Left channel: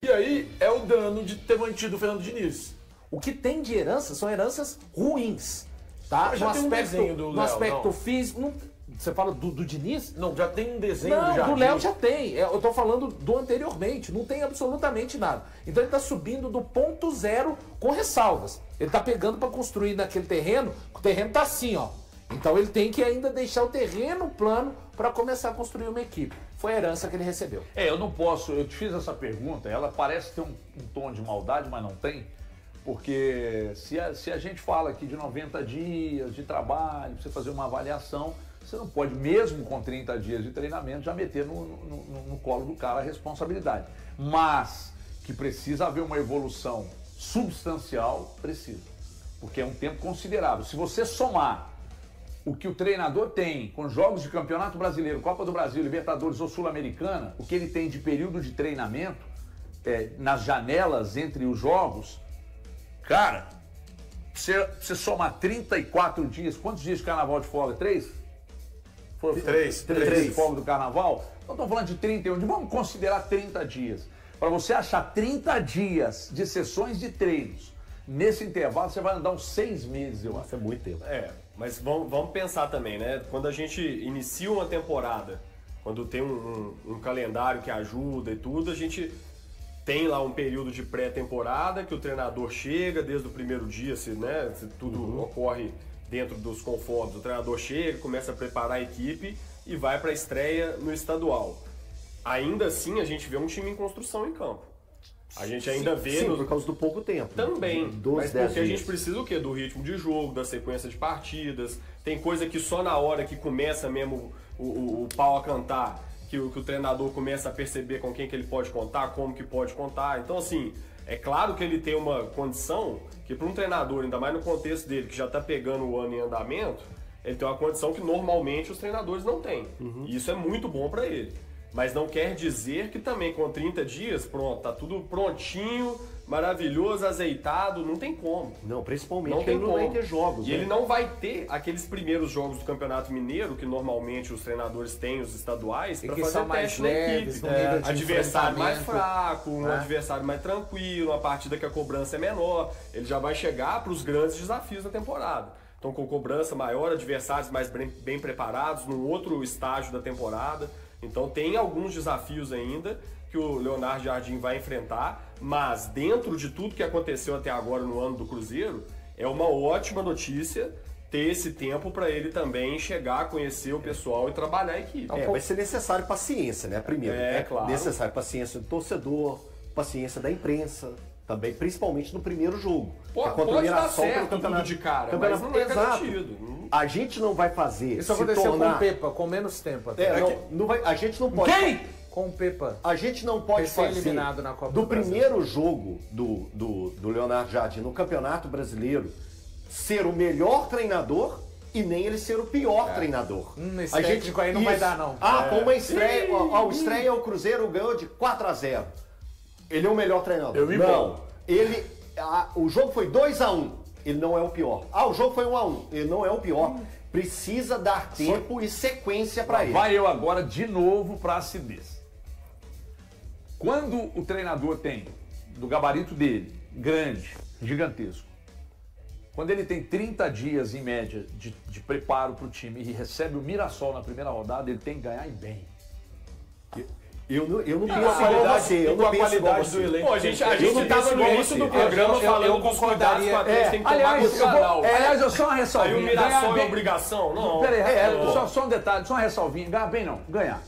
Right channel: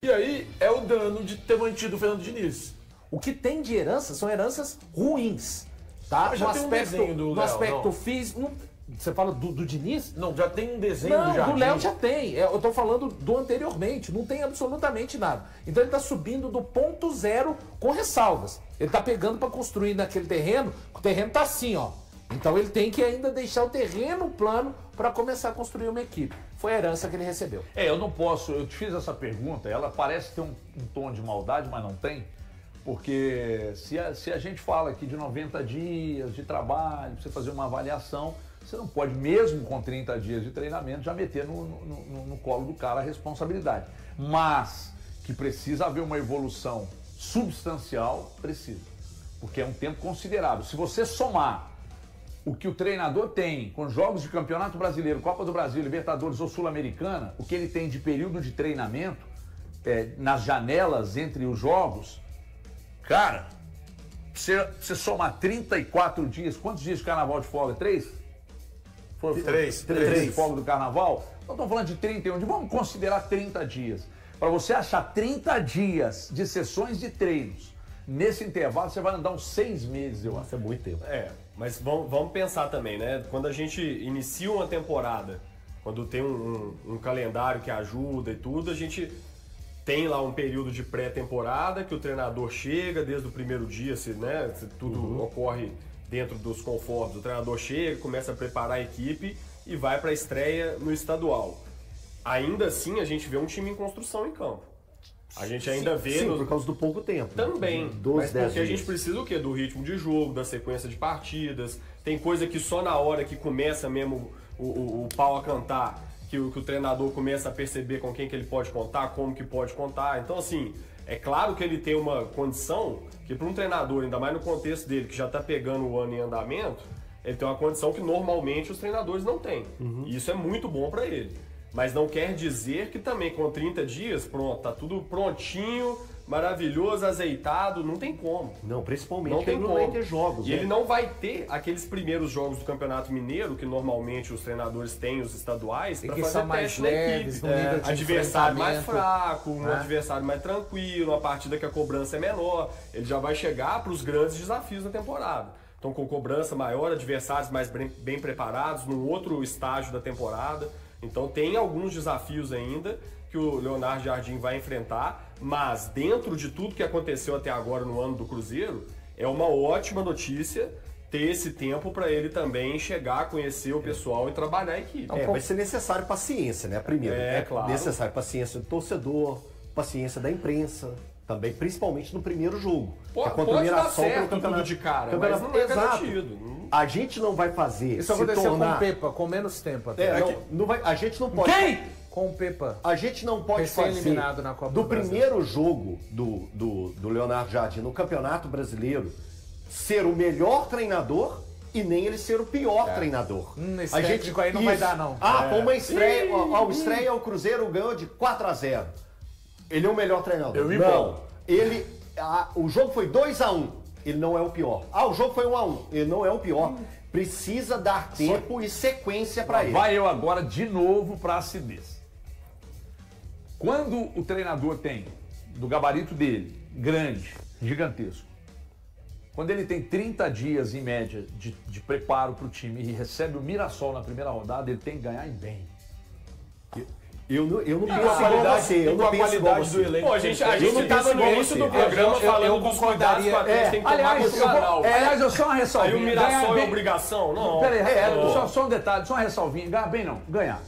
E aí é o dano de ter mantido o Fernando Diniz. O que tem de herança são heranças ruins. Tá? Mas já tem um desenho do no Léo, aspecto não? físico. Você fala do Diniz? Não, já tem um desenho Não, do Jardim. do Léo já tem. Eu tô falando do anteriormente. Não tem absolutamente nada. Então ele tá subindo do ponto zero com ressalvas. Ele tá pegando para construir naquele terreno. O terreno tá assim, ó. Então ele tem que ainda deixar o terreno plano para começar a construir uma equipe. Foi a herança que ele recebeu. Eu não posso, eu te fiz essa pergunta, ela parece ter um tom de maldade, mas não tem. Porque se a gente fala aqui de 90 dias de trabalho, você fazer uma avaliação, você não pode, mesmo com 30 dias de treinamento, já meter no colo do cara a responsabilidade. Mas que precisa haver uma evolução substancial, precisa. Porque é um tempo considerável. Se você somar o que o treinador tem com jogos de Campeonato Brasileiro, Copa do Brasil, Libertadores ou Sul-Americana, o que ele tem de período de treinamento, nas janelas entre os jogos, cara, você somar 34 dias, quantos dias de carnaval de folga? 3? Três de folga do carnaval? Nós estamos falando de 31 dias, vamos considerar 30 dias. Para você achar 30 dias de sessões de treinos, nesse intervalo você vai andar uns 6 meses, eu acho. Isso é muito tempo. Mas vamos pensar também, né? Quando a gente inicia uma temporada, quando tem um calendário que ajuda e tudo, a gente tem lá um período de pré-temporada que o treinador chega desde o primeiro dia, se tudo ocorre dentro dos confortos, o treinador chega, começa a preparar a equipe e vai para a estreia no estadual. Ainda assim, a gente vê um time em construção em campo. A gente ainda vê... Sim, por causa do pouco tempo. Também, 12, mas 10 porque a gente dias. precisa o quê? Do ritmo de jogo, da sequência de partidas. Tem coisa que só na hora que começa mesmo o pau a cantar, que o treinador começa a perceber com quem que ele pode contar, como que pode contar. Então, assim, é claro que ele tem uma condição que para um treinador, ainda mais no contexto dele, que já está pegando o ano em andamento, ele tem uma condição que normalmente os treinadores não têm. E isso é muito bom para ele. Mas não quer dizer que também com 30 dias, pronto, tá tudo prontinho, maravilhoso, azeitado, não tem como. Não, principalmente Não tem ele não como. vai ter jogos. E né? ele não vai ter aqueles primeiros jogos do Campeonato Mineiro, que normalmente os treinadores têm, os estaduais, E para que fazer são mais teste na leves, equipe. no nível de Adversário mais enfrentamento, fraco, um né? adversário mais tranquilo, uma partida que a cobrança é menor. Ele já vai chegar para os grandes desafios da temporada. Então, com cobrança maior, adversários mais bem preparados, num outro estágio da temporada. Então, tem alguns desafios ainda que o Leonardo Jardim vai enfrentar, mas dentro de tudo que aconteceu até agora no ano do Cruzeiro, é uma ótima notícia ter esse tempo para ele também chegar, conhecer o pessoal e trabalhar a equipe. Vai ser necessário paciência, né? Primeiro, claro. necessário paciência do torcedor, paciência da imprensa, também, principalmente no primeiro jogo. Pode contra o dar Mirassol pelo certo campeonato tudo de cara, campeonato, mas não é exato. garantido. A gente não vai fazer Isso se aconteceu tornar... com o Pepa, com menos tempo até. não vai, a gente não pode... Quem? Com o Pepa. A gente não pode fazer Recém-eliminado na Copa do do Brasil. primeiro jogo do Leonardo Jardim no Campeonato Brasileiro ser o melhor treinador e nem ele ser o pior treinador. Esse técnico aí não vai dar, não. Foi uma estreia. A estreia, o Cruzeiro ganhou de 4-0. Ele é o melhor treinador. Eu me não. empolgo. O jogo foi 2-1. Ele não é o pior. O jogo foi 1-1. Ele não é o pior. Precisa dar tempo e sequência para ele. Vai eu agora de novo para a acidez. Quando o treinador tem, do gabarito dele, grande, gigantesco, quando ele tem 30 dias em média de preparo para o time e recebe o Mirassol na primeira rodada, ele tem que ganhar e bem. Eu não penso a igual qualidade, você. Eu com não a penso igual qualidade você. do elenco. Pô, a gente estava no início do programa falando dos cuidados que o Atlético tem que tomar com o Canal. Aliás, eu só uma Aí ressalvinha. o Mirassol Ganhar é bem- obrigação? Não. Peraí, Não. só um detalhe, só uma ressalvinha. Ganhar bem não, ganhar.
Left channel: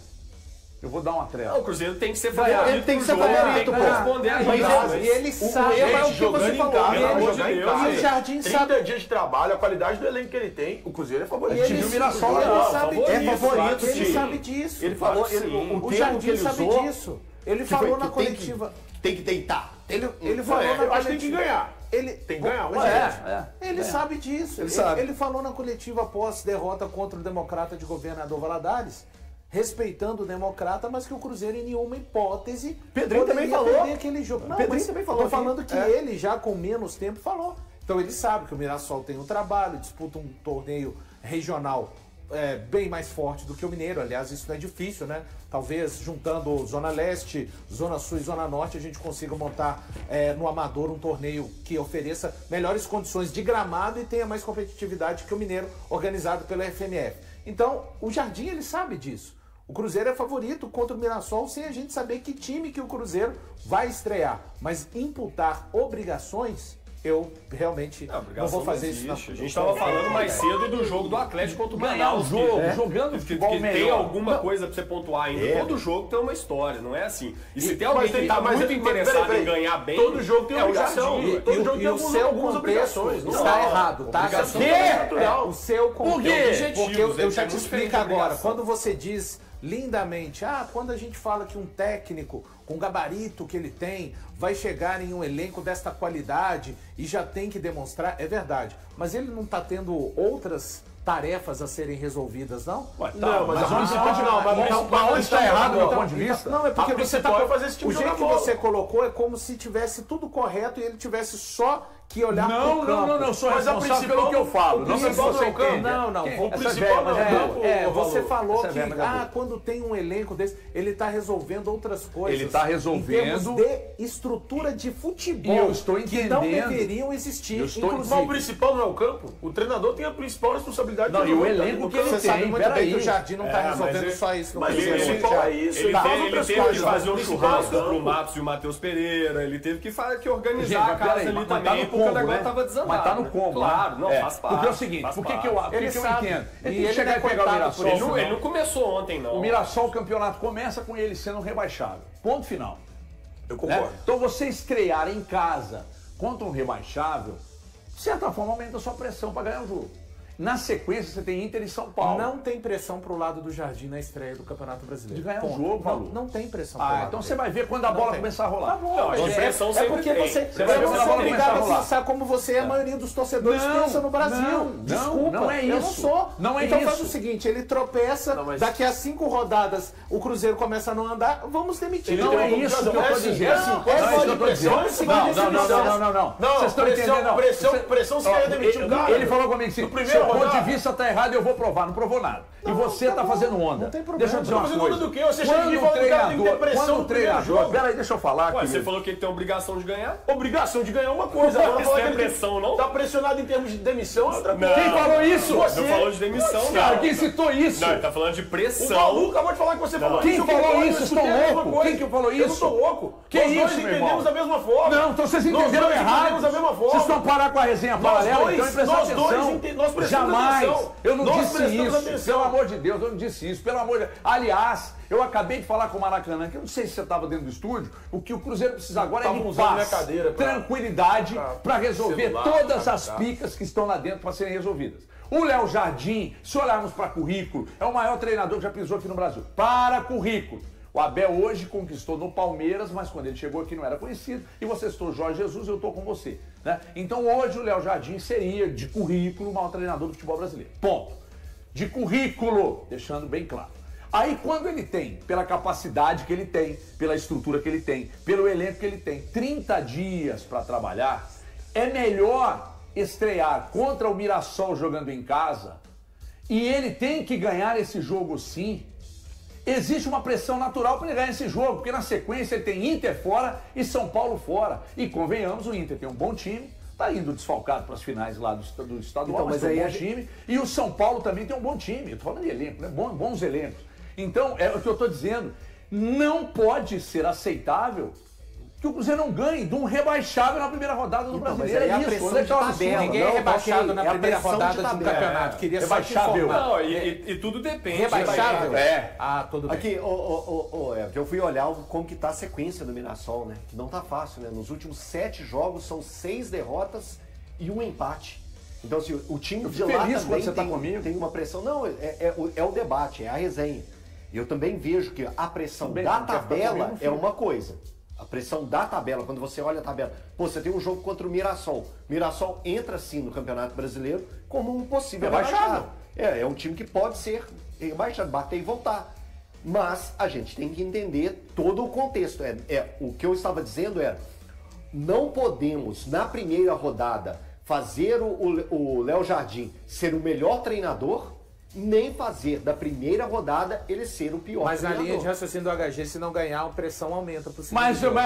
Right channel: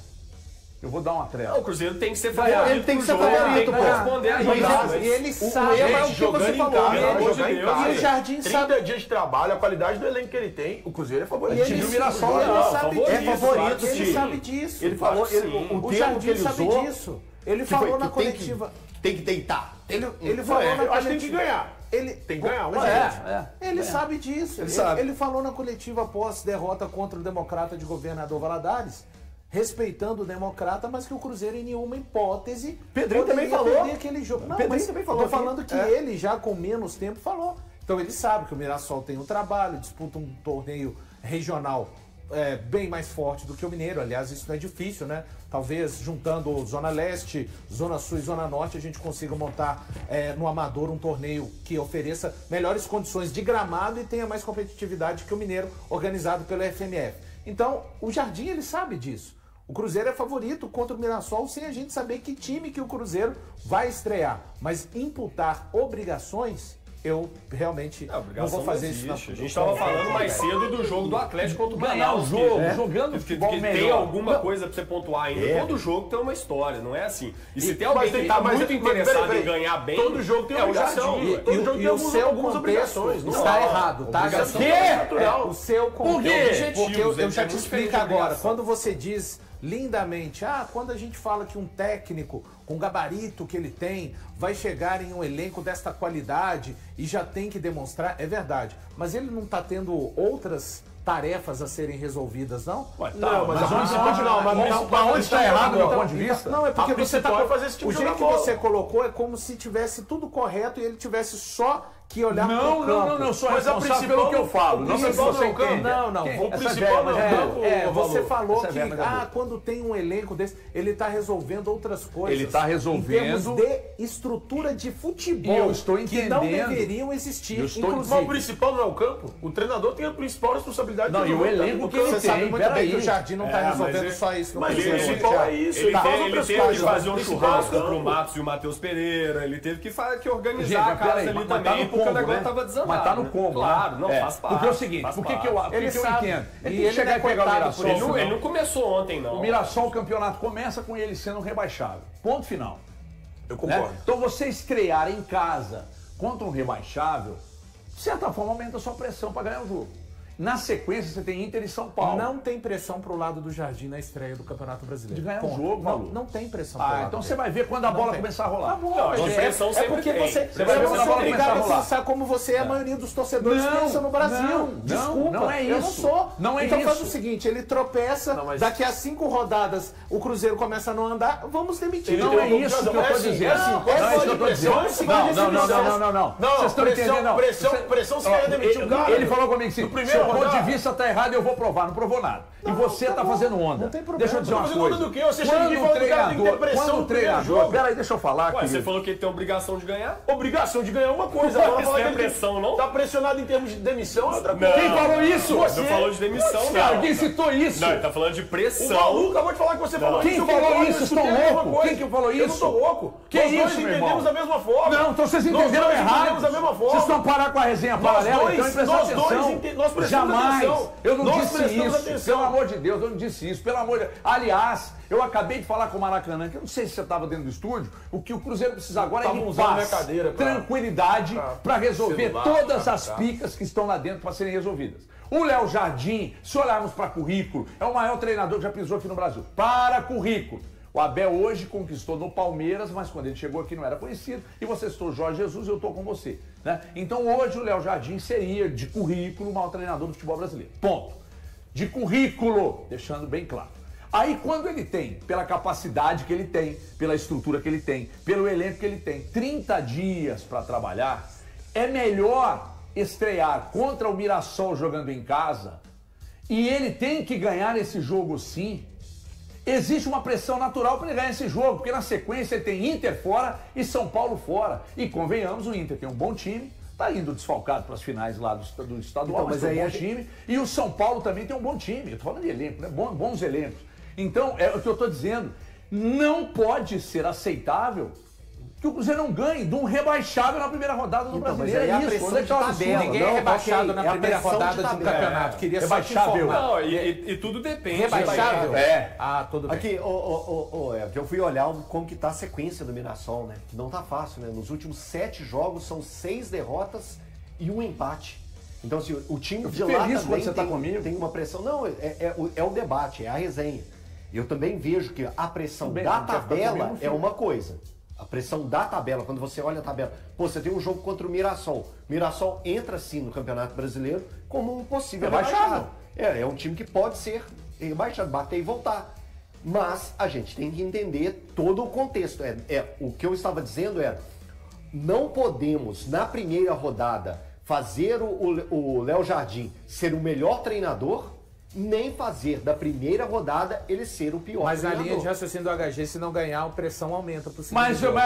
Eu vou dar uma trela. O Cruzeiro tem que ser favorito. Ele tem que ser pro jogo, favorito, tem que pô. responder a Mas isso. E ele sabe. erro é o que jogando você em falou. casa, pelo vai amor jogar de em Deus. casa. E o Jardim 30 sabe- dias de trabalho, a qualidade do elenco que ele tem, o Cruzeiro é favorito. E O time ele do Mirassol sabe- é ele sabe favorito, disso, claro que ele sim. sabe disso. Ele falou, Claro que sim. o O termo que Jardim ele sabe usou, disso. Ele que foi falou que na tem que- coletiva. Tem que deitar. Ele falou na eu acho que tem que coletiva. ganhar. Ele Tem que ganhar, Ele sabe disso. Ele falou na coletiva após derrota contra o democrata de governador Valadares, respeitando o democrata, mas que o Cruzeiro em nenhuma hipótese Pedrinho também poderia falou. perder aquele jogo. Não, Pedrinho mas também falou tô aqui. falando que ele já com menos tempo falou. Então ele sabe que o Mirassol tem um trabalho, disputa um torneio regional bem mais forte do que o Mineiro. Aliás, isso não é difícil, né? Talvez juntando Zona Leste, Zona Sul e Zona Norte, a gente consiga montar no Amador um torneio que ofereça melhores condições de gramado e tenha mais competitividade que o Mineiro, organizado pela FMF. Então, o Jardim, ele sabe disso. O Cruzeiro é favorito contra o Mirassol sem a gente saber que time que o Cruzeiro vai estrear. Mas imputar obrigações, eu realmente não vou fazer isso. A gente estava falando mais cedo do jogo do Atlético contra o Manaus. Jogando futebol que melhor. tem alguma coisa pra você pontuar ainda. Todo jogo tem uma história, não é assim. E se tem alguém que tá muito interessado em ganhar bem, todo jogo tem obrigação. Todo jogo tem algumas obrigações. Está errado, tá? O seu contexto. Porque eu já te explico agora. Quando você diz lindamente, quando a gente fala que um técnico com o gabarito que ele tem vai chegar em um elenco desta qualidade e já tem que demonstrar, é verdade. Mas ele não está tendo outras tarefas a serem resolvidas, não? Não, mas onde está errado do ponto de vista? Não, é porque você está fazer esse tipo o de jeito que você colocou é como se tivesse tudo correto e ele tivesse só que olhar para o campo. Não, sou responsável pelo que eu falo. Não sei se você entende. Não. O principal não é o você falou que quando tem um elenco desse, ele está resolvendo outras coisas. Ele está resolvendo. Em termos de estrutura de futebol. Eu estou entendendo. Que não deveriam existir. Mas o principal não é o campo. O treinador tem a principal responsabilidade. Não, e o elenco que ele tem. Você sabe muito bem que o Jardim não está resolvendo só isso. Mas o principal é isso. Ele teve que fazer um churrasco pro Matos e o Matheus Pereira. Ele teve que organizar a casa ali também. Porque o negócio tava desandado. Mas tá no combo. Claro, não, faz parte. Porque é o seguinte, por que eu entendo? Ele tem que chegar e pegar o Mirassol. Ele não começou ontem, não. O Mirassol, o campeonato começa com ele sendo rebaixado. Ponto final. Eu concordo. Então você estrear em casa contra um rebaixável, de certa forma aumenta a sua pressão para ganhar o jogo. Na sequência, você tem Inter e São Paulo. Não tem pressão pro lado do Jardim na estreia do Campeonato Brasileiro. De ganhar um jogo, Malu. Não tem pressão pro lado então você vai ver quando a bola começar a rolar. Tá bom, mas pressão sempre porque tem. você vai ver eu quando não a sou bola obrigado começar a a rolar. pensar como você a maioria dos torcedores pensa no Brasil. Desculpa, não é isso. Eu não sou. Não é então isso. faz o seguinte, ele tropeça, daqui a 5 rodadas o Cruzeiro começa a não andar, vamos demitir. Não é isso que eu tô dizendo. Não. Vocês estão entendendo? Pressão, você quer demitir um cara. Ele falou comigo assim, seu ponto de vista tá errado, eu vou provar. Não provou nada. E você tá fazendo onda. Não tem problema. Deixa eu dizer uma coisa. Onda do quê? Você chega aqui e fala que o cara tem que ter pressão Quando o no primeiro treinador... jogo. Peraí, deixa eu falar. Ué, você falou que ele tem obrigação de ganhar? Obrigação de ganhar uma coisa. Agora Isso falar não é que ele pressão, não? tá pressionado em termos de demissão é outra coisa. Quem falou isso? Não falou de demissão, Cara, não. quem citou isso? Não, ele tá falando de O pressão. Malu acabou de falar que você falou Quem isso. falou isso? Estão loucos? Quem que falou Eu não isso? tô louco. Que Nós isso, dois meu entendemos irmão? da mesma forma. Não, então vocês Nós entenderam dois errado. entendemos da mesma forma. Vocês estão parados com a resenha paralela, então prestar nós dois atenção. nós prestamos Jamais. atenção. Eu não Nós disse prestamos isso. atenção. Pelo amor de Deus, eu não disse isso. Pelo amor de Deus. Aliás, eu acabei de falar com o Maracanã, que eu não sei se você estava dentro do estúdio, o que o Cruzeiro precisa agora é de usando minha paz, cadeira pra- tranquilidade, para resolver celular, todas pra as cá. picas que estão lá dentro para serem resolvidas. O Léo Jardim, se olharmos para currículo, é o maior treinador que já pisou aqui no Brasil. Para currículo. O Abel hoje conquistou no Palmeiras, mas quando ele chegou aqui não era conhecido. E você citou Jorge Jesus, eu estou com você. Né? Então hoje o Léo Jardim seria, de currículo, o maior treinador do futebol brasileiro. Ponto. De currículo, deixando bem claro. Aí quando ele tem, pela capacidade que ele tem, pela estrutura que ele tem, pelo elenco que ele tem, 30 dias para trabalhar, é melhor estrear contra o Mirassol jogando em casa, e ele tem que ganhar esse jogo sim. Existe uma pressão natural para ele ganhar esse jogo, porque na sequência ele tem Inter fora e São Paulo fora. E convenhamos, o Inter tem um bom time, tá indo desfalcado para as finais lá do estadual, Então, mas mas tem um aí bom time. E o São Paulo também tem um bom time. Eu tô falando de elenco, né? Bons elencos. Então, é o que eu tô dizendo. Não pode ser aceitável que o Cruzeiro não ganhe de um rebaixado na primeira rodada do Brasileiro. mas aí É a isso. pressão Onde é que de tá o tabela. absurdo? Ninguém é Não, rebaixado ok, na é a primeira pressão rodada de de um tabela. campeonato. Queria só te Rebaixável. informar. Não, e tudo depende. Rebaixável? É. Tudo bem. Aqui, Everton, eu fui olhar como que tá a sequência do Mirassol, né? Que não tá fácil, né? Nos últimos 7 jogos são 6 derrotas e 1 empate. Então, assim, o time de lá feliz também quando você tá comigo. tem uma pressão. Não, é o debate, é a resenha. Eu também vejo que a pressão Tudo bem, da não quer ficar tabela comigo, não é uma coisa. A pressão da tabela, quando você olha a tabela. Pô, você tem um jogo contra o Mirassol. Mirassol entra, sim, no Campeonato Brasileiro como um possível rebaixado. É um time que pode ser rebaixado, bater e voltar. Mas a gente tem que entender todo o contexto. O que eu estava dizendo era, não podemos, na primeira rodada, fazer o Léo Jardim ser o melhor treinador nem fazer da primeira rodada ele ser o pior Mas na treinador. linha de raciocínio do HG, se não ganhar, a pressão aumenta pro segundo Mas jogo.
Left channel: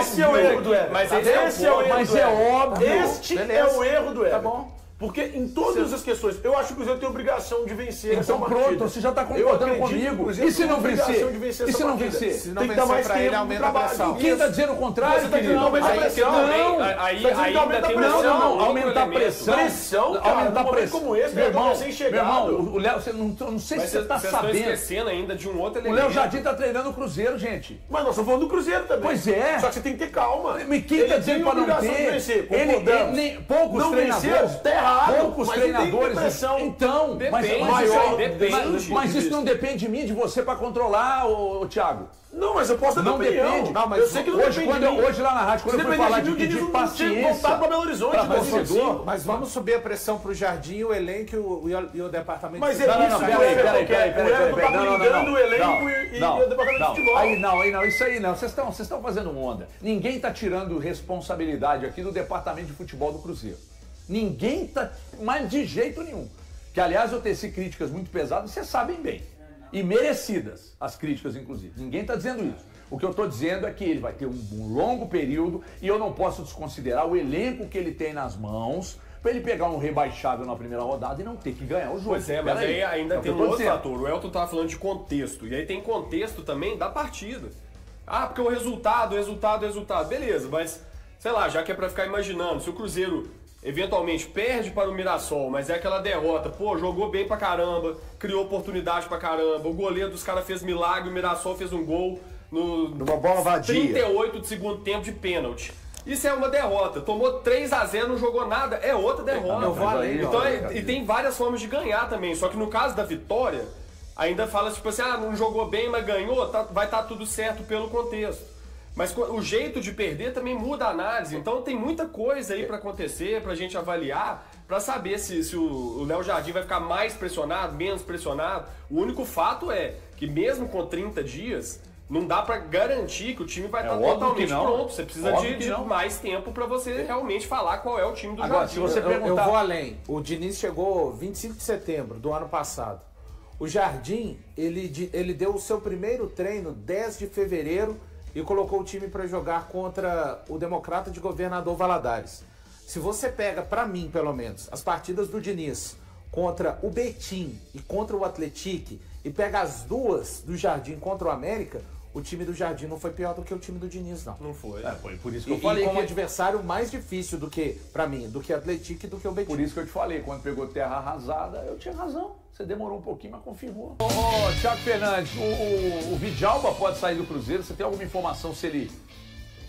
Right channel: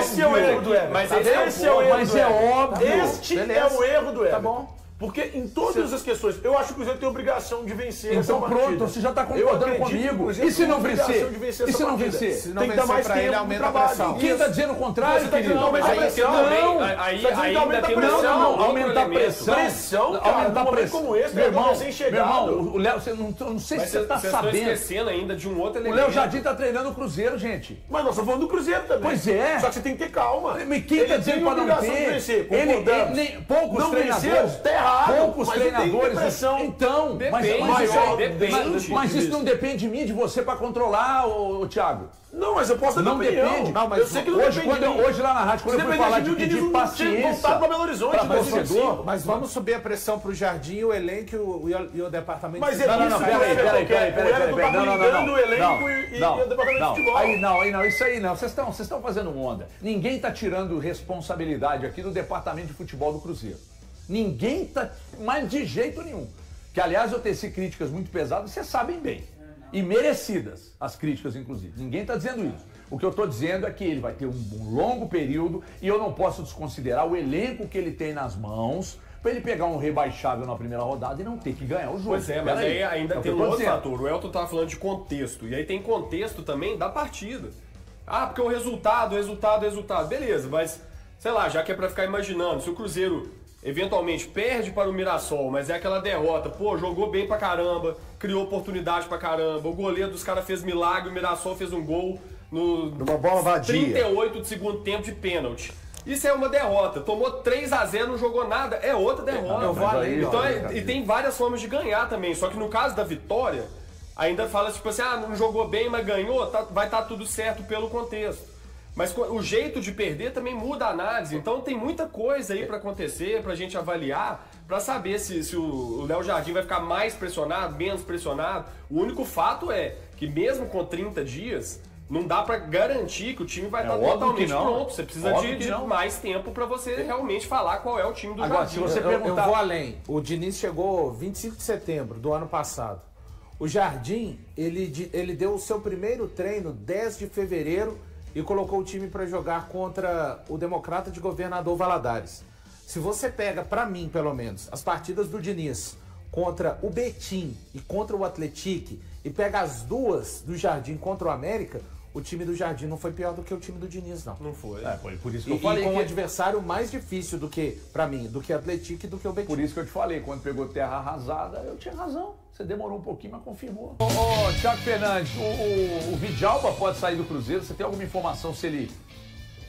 Esse é o erro do Everton. Mas Esse é o erro Mas do é Everton. óbvio. Este Beleza. é o erro do Everton. Tá bom. Porque em todas as questões, eu acho que o Cruzeiro tem obrigação de vencer essa Então partida. pronto, você já está Eu concordando acredito que o comigo. Cruzeiro E se tem não obrigação vencer? de vencer E essa se não partida. vencer? Se não Tem que dar vencer mais pra ele, tempo aumenta pro a trabalho. pressão. Quem está dizendo o contrário, Você tá querido? dizendo aumenta a Aí, pressão. não, Aí aí você tá dizendo que ainda aumenta a tem pressão. um outro aumentar a elemento. pressão. Pressão, cara, aumentar num a momento pressão. como esse, meu irmão, recém-chegado. meu irmão, o Léo, você não sei Mas se você está vocês estão sabendo. esquecendo ainda de um outro O elemento. Léo Jardim está treinando o Cruzeiro, gente. Mas nós estamos falando do Cruzeiro também. Pois é. Só que você tem que ter calma. Mas quem Ele está dizendo tem para não obrigação ter? de vencer, Ele, concordamos. poucos Não treinadores. venceu, tá errado. Poucos Mas ele tem que ter treinadores. pressão. Então, mas Depende, maior, depende. mas isso não depende de mim, de você para controlar, ô Thiago. Não, mas eu posso dar Não minha opinião. depende. Não, mas eu sei que não Hoje, depende quando de mim. hoje lá na rádio, quando Se eu fui dependesse falar de mim, de o Diniz pedir não tinha voltado paciência pra Belo Horizonte, para mas torcedor. Mas vamos subir a pressão pro Jardim, o elenco e o departamento Mas de é futebol. isso que o peraí, Everton quer. O Everton tá blindando o elenco e o departamento de futebol. Aí não, isso aí não. Vocês estão fazendo onda. Ninguém está tirando responsabilidade aqui do departamento de futebol do Cruzeiro. Ninguém está, mas de jeito nenhum. Que, aliás, eu teci críticas muito pesadas, vocês sabem bem. E merecidas, as críticas, inclusive. Ninguém está dizendo isso. O que eu estou dizendo é que ele vai ter um longo período e eu não posso desconsiderar o elenco que ele tem nas mãos para ele pegar um rebaixável na primeira rodada e não ter que ganhar o jogo. Pois é, mas aí ainda tem um outro fator. O Elton tava falando de contexto. E aí tem contexto também da partida. Ah, porque o resultado. Beleza, mas, sei lá, já que é pra ficar imaginando, se o Cruzeiro eventualmente perde para o Mirassol, mas é aquela derrota, pô, jogou bem pra caramba, criou oportunidade pra caramba, o goleiro dos caras fez milagre, o Mirassol fez um gol Numa bola vadia. 38 do segundo tempo de pênalti. Isso é uma derrota. Tomou 3-0, não jogou nada, é outra derrota. Eu vou além, Então, ó, e tem várias formas de ganhar também. Só que no caso da vitória, ainda fala tipo assim, não jogou bem, mas ganhou, vai estar tudo certo pelo contexto. Mas o jeito de perder também muda a análise. Então tem muita coisa aí pra acontecer, pra gente avaliar, pra saber se o Léo Jardim vai ficar mais pressionado, menos pressionado. O único fato é que mesmo com 30 dias, não dá pra garantir que o time vai estar óbvio totalmente que não. pronto. Você precisa Óbvio de que não. mais tempo pra você realmente falar qual é o time do Agora, Jardim. se você Eu perguntar- vou além. O Diniz chegou 25 de setembro do ano passado. O Jardim, ele deu o seu primeiro treino 10 de fevereiro e colocou o time para jogar contra o Democrata de Governador Valadares. Se você pega, para mim pelo menos, as partidas do Diniz contra o Betim e contra o Atlético e pega as duas do Jardim contra o América, o time do Jardim não foi pior do que o time do Diniz, não. Não foi. Foi por isso que E, eu falei com um que... adversário mais difícil do que, para mim, do que o Atlético e do que o Betim. Por isso que eu te falei, quando pegou terra arrasada, eu tinha razão. Você demorou um pouquinho, mas confirmou. Ô, Thiago Fernandes, o Vidjalba pode sair do Cruzeiro? Você tem alguma informação se ele...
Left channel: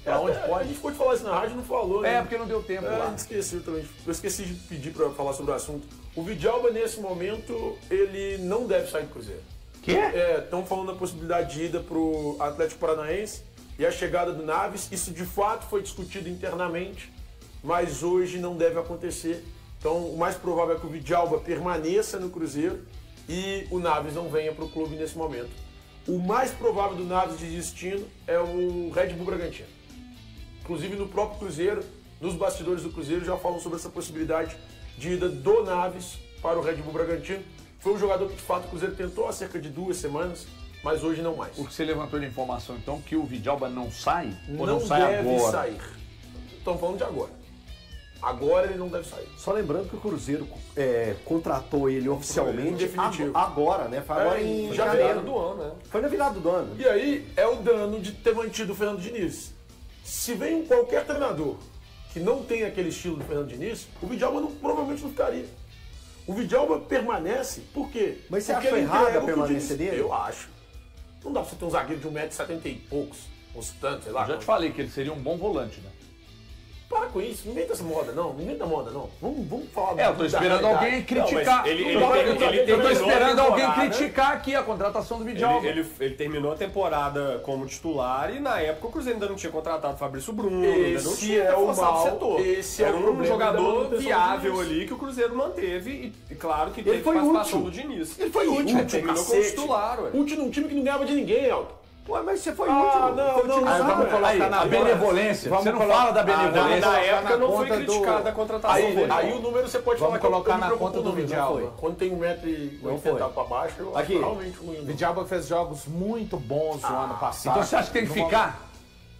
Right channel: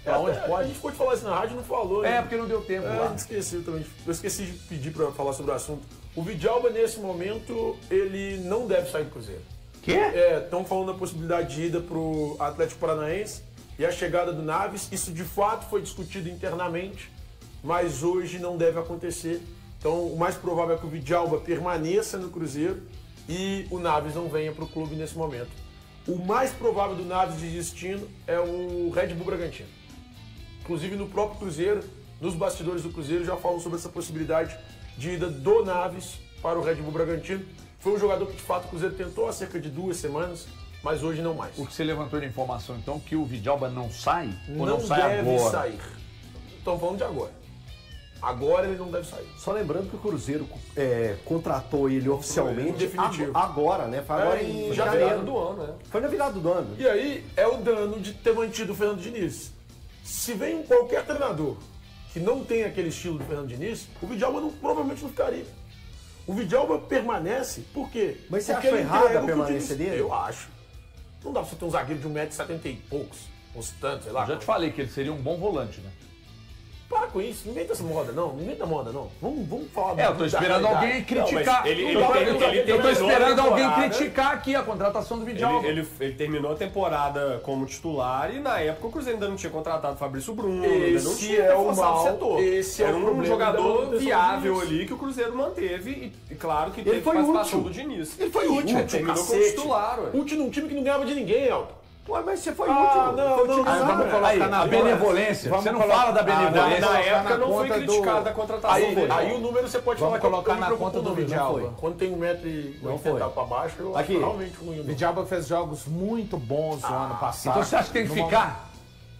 Pra onde A pode? gente pode falar isso na rádio e não falou, né? Porque não deu tempo A lá. gente esqueceu também. Eu esqueci de pedir pra falar sobre o assunto. O Vidjalba, nesse momento, ele não deve sair do Cruzeiro. Quê? Estão falando da possibilidade de ida pro Atlético Paranaense e a chegada do Naves. Isso de fato foi discutido internamente, mas hoje não deve acontecer. Então o mais provável é que o Vidjalba permaneça no Cruzeiro e o Naves não venha pro clube nesse momento. O mais provável do Naves de destino é o Red Bull Bragantino. Inclusive no próprio Cruzeiro, nos bastidores do Cruzeiro já falam sobre essa possibilidade de ida do Naves para o Red Bull Bragantino. Foi um jogador que de fato o Cruzeiro tentou há cerca de 2 semanas, mas hoje não mais. O que você levantou de informação, então, que o Vidjalba não sai? Ou Não não sai deve agora? sair. Estão falando de agora. Agora ele não deve sair. Só lembrando que o Cruzeiro contratou ele oficialmente Em definitivo. agora, né? Foi agora em já janeiro. do ano, né? Foi na virada do ano. E aí é o dano de ter mantido o Fernando Diniz. Se vem qualquer treinador que não tem aquele estilo do Fernando Diniz, o Vidjalba provavelmente não ficaria. O Vidjalba permanece, por quê? Mas você Porque acha ele errada entrega a o que o permanência Diniz- dele? Eu acho. Não dá pra você ter um zagueiro de 1,70 m e poucos, uns tantos, sei lá. Eu já te falei que ele seria um bom volante, né? Para com isso, não inventa essa moda não, não inventa moda não. Vamos falar Eu tô esperando alguém criticar. ele Eu tô esperando terminou a alguém temporada. criticar aqui a contratação do Vidjalba. Ele terminou a temporada como titular e na época o Cruzeiro ainda não tinha contratado o Fabrício Bruno, ainda não Esse tinha é o reforçado mal, setor. esse é Era o um problema da jogador manutenção do viável Diniz. ali que o Cruzeiro manteve e claro que teve foi participação útil. do Diniz. Ele foi útil, terminou como cacete. titular, ué. Útil num time que não ganhava de ninguém, Elton. Ué, mas você foi Não, Aí vamos colocar na a benevolência. Vamos você não colocar- fala da benevolência. Na época não foi conta do- criticada a contratação dele. Aí o número você pode Vamos falar que colocar eu me na preocupo conta com o do número, Vidal. não foi. Quando tem 1,80 m pra baixo, eu acho Aqui. realmente ruim. Vidal fez jogos muito bons no ano passado. Então você acha que tem que No ficar?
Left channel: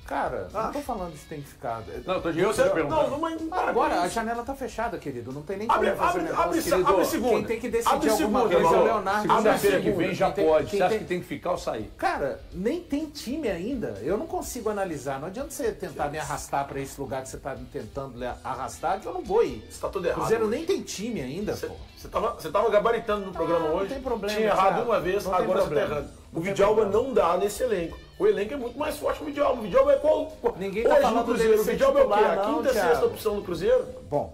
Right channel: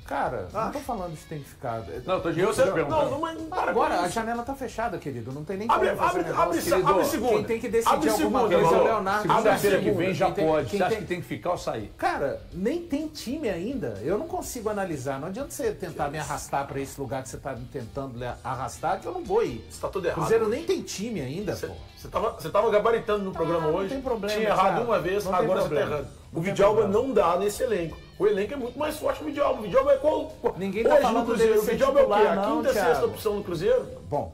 Cara, não tô falando de tem que ficar. Não, eu tô Não, mas Agora, a janela tá fechada, querido. Não tem nem Abre- como fazer abre- negócio, abre- querido. abre segunda. Quem tem que decidir Abre alguma segunda, coisa é o Mauro. Leonardo. Segunda-feira que Segunda. vem já Quem tem- pode. quem Você acha tem- que tem que ficar ou sair? Cara, nem tem time ainda. Eu não consigo analisar. Não adianta você tentar me arrastar pra esse lugar que você tá me tentando arrastar, que eu não vou ir. Você tá tudo errado. Cruzeiro hoje. nem tem time ainda, pô. Você tava gabaritando no programa não hoje. tem problema, Tinha errado Thiago. uma vez, Não tem agora você problema. tá errando. O Não tem Vidalba problema. não dá nesse elenco. O elenco é muito mais forte que o Vidalba. O Vidalba é qual? Ninguém tá Hoje falando no Cruzeiro. dele O ser Vidalba é o quê? titular, A não, quinta, Thiago. sexta opção do Cruzeiro? Bom,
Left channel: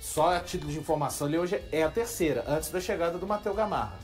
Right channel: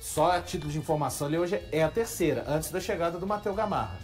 só a título de informação, ele hoje é a terceira, antes da chegada do Matheus Gamarra.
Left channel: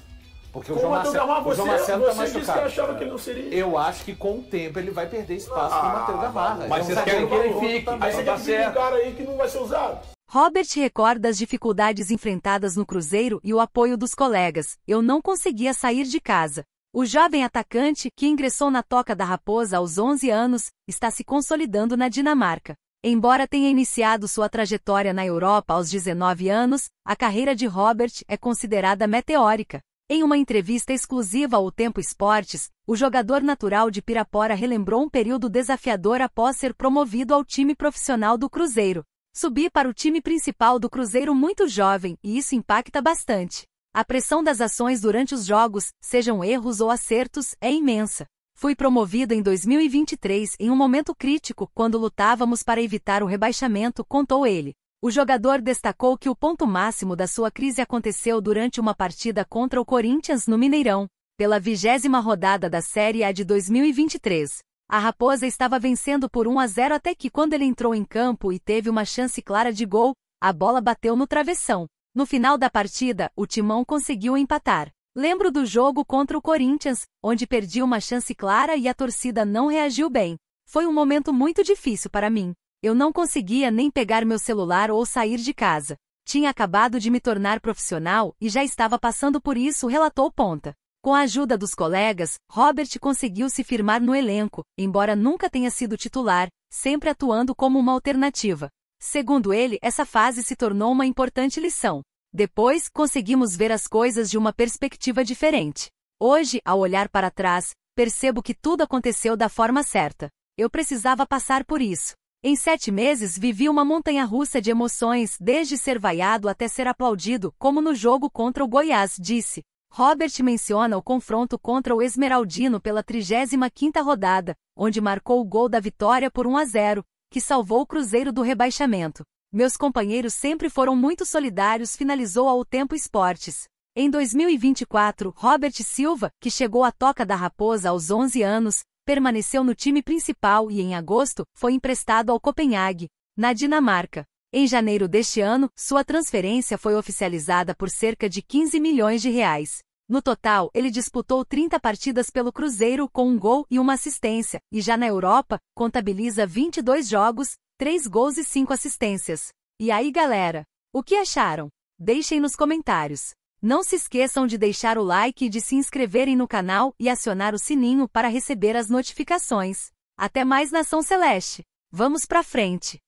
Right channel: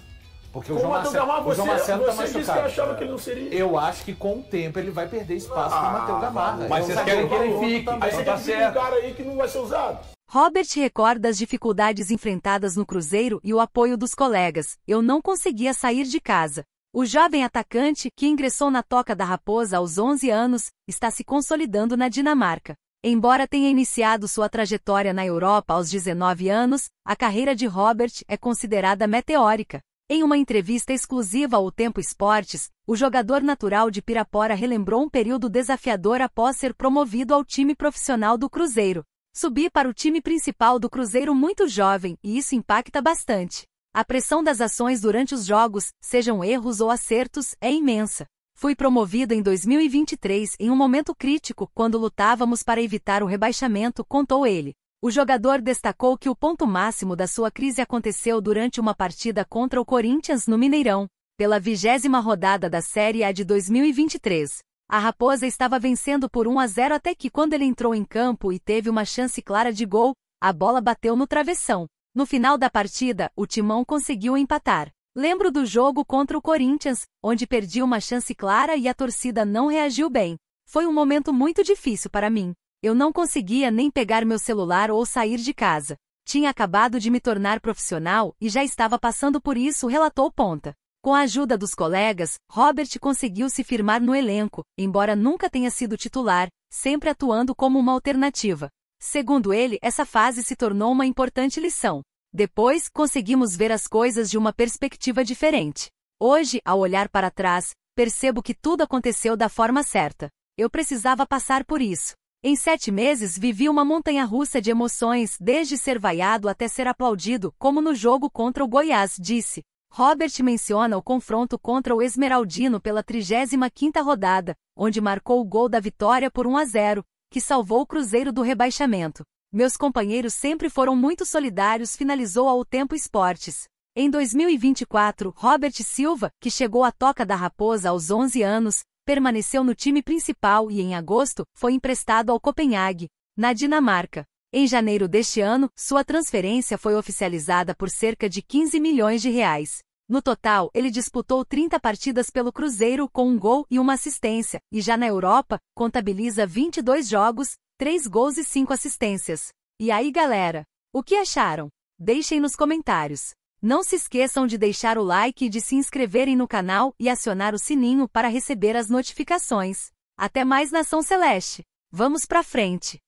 Porque Com o Matheus Gamarra, o João Marcelo tá você disse que machucado. achava que ele não seria. Eu acho que com o tempo ele vai perder espaço pro Matheus Gamarra. Mas É um vocês zagueiro querem que ele garoto fique. também. Aí você tá quer pedir um certo. cara aí que não vai ser usado. Robert recorda as dificuldades enfrentadas no Cruzeiro e o apoio dos colegas. Eu não conseguia sair de casa. O jovem atacante, que ingressou na Toca da Raposa aos 11 anos, está se consolidando na Dinamarca. Embora tenha iniciado sua trajetória na Europa aos 19 anos, a carreira de Robert é considerada meteórica. Em uma entrevista exclusiva ao Tempo Esportes, o jogador natural de Pirapora relembrou um período desafiador após ser promovido ao time profissional do Cruzeiro. Subi para o time principal do Cruzeiro muito jovem, e isso impacta bastante. A pressão das ações durante os jogos, sejam erros ou acertos, é imensa. Fui promovido em 2023 em um momento crítico, quando lutávamos para evitar o rebaixamento, contou ele. O jogador destacou que o ponto máximo da sua crise aconteceu durante uma partida contra o Corinthians no Mineirão, pela 20ª rodada da Série A de 2023. A Raposa estava vencendo por 1-0 até que, quando ele entrou em campo e teve uma chance clara de gol, a bola bateu no travessão. No final da partida, o Timão conseguiu empatar. Lembro do jogo contra o Corinthians, onde perdi uma chance clara e a torcida não reagiu bem. Foi um momento muito difícil para mim. Eu não conseguia nem pegar meu celular ou sair de casa. Tinha acabado de me tornar profissional e já estava passando por isso, relatou Ponta. Com a ajuda dos colegas, Robert conseguiu se firmar no elenco, embora nunca tenha sido titular, sempre atuando como uma alternativa. Segundo ele, essa fase se tornou uma importante lição. Depois, conseguimos ver as coisas de uma perspectiva diferente. Hoje, ao olhar para trás, percebo que tudo aconteceu da forma certa. Eu precisava passar por isso. Em 7 meses vivi uma montanha-russa de emoções, desde ser vaiado até ser aplaudido, como no jogo contra o Goiás, disse. Robert menciona o confronto contra o Esmeraldino pela 35ª rodada, onde marcou o gol da vitória por 1-0, que salvou o Cruzeiro do rebaixamento. Meus companheiros sempre foram muito solidários, finalizou ao Tempo Esportes. Em 2024, Robert Silva, que chegou à Toca da Raposa aos 11 anos, permaneceu no time principal e em agosto, foi emprestado ao Copenhague, na Dinamarca. Em janeiro deste ano, sua transferência foi oficializada por cerca de 15 milhões de reais. No total, ele disputou 30 partidas pelo Cruzeiro com 1 gol e 1 assistência, e já na Europa, contabiliza 22 jogos, 3 gols e 5 assistências. E aí, galera? O que acharam? Deixem nos comentários. Não se esqueçam de deixar o like e de se inscreverem no canal e acionar o sininho para receber as notificações. Até mais, Nação Celeste! Vamos pra frente!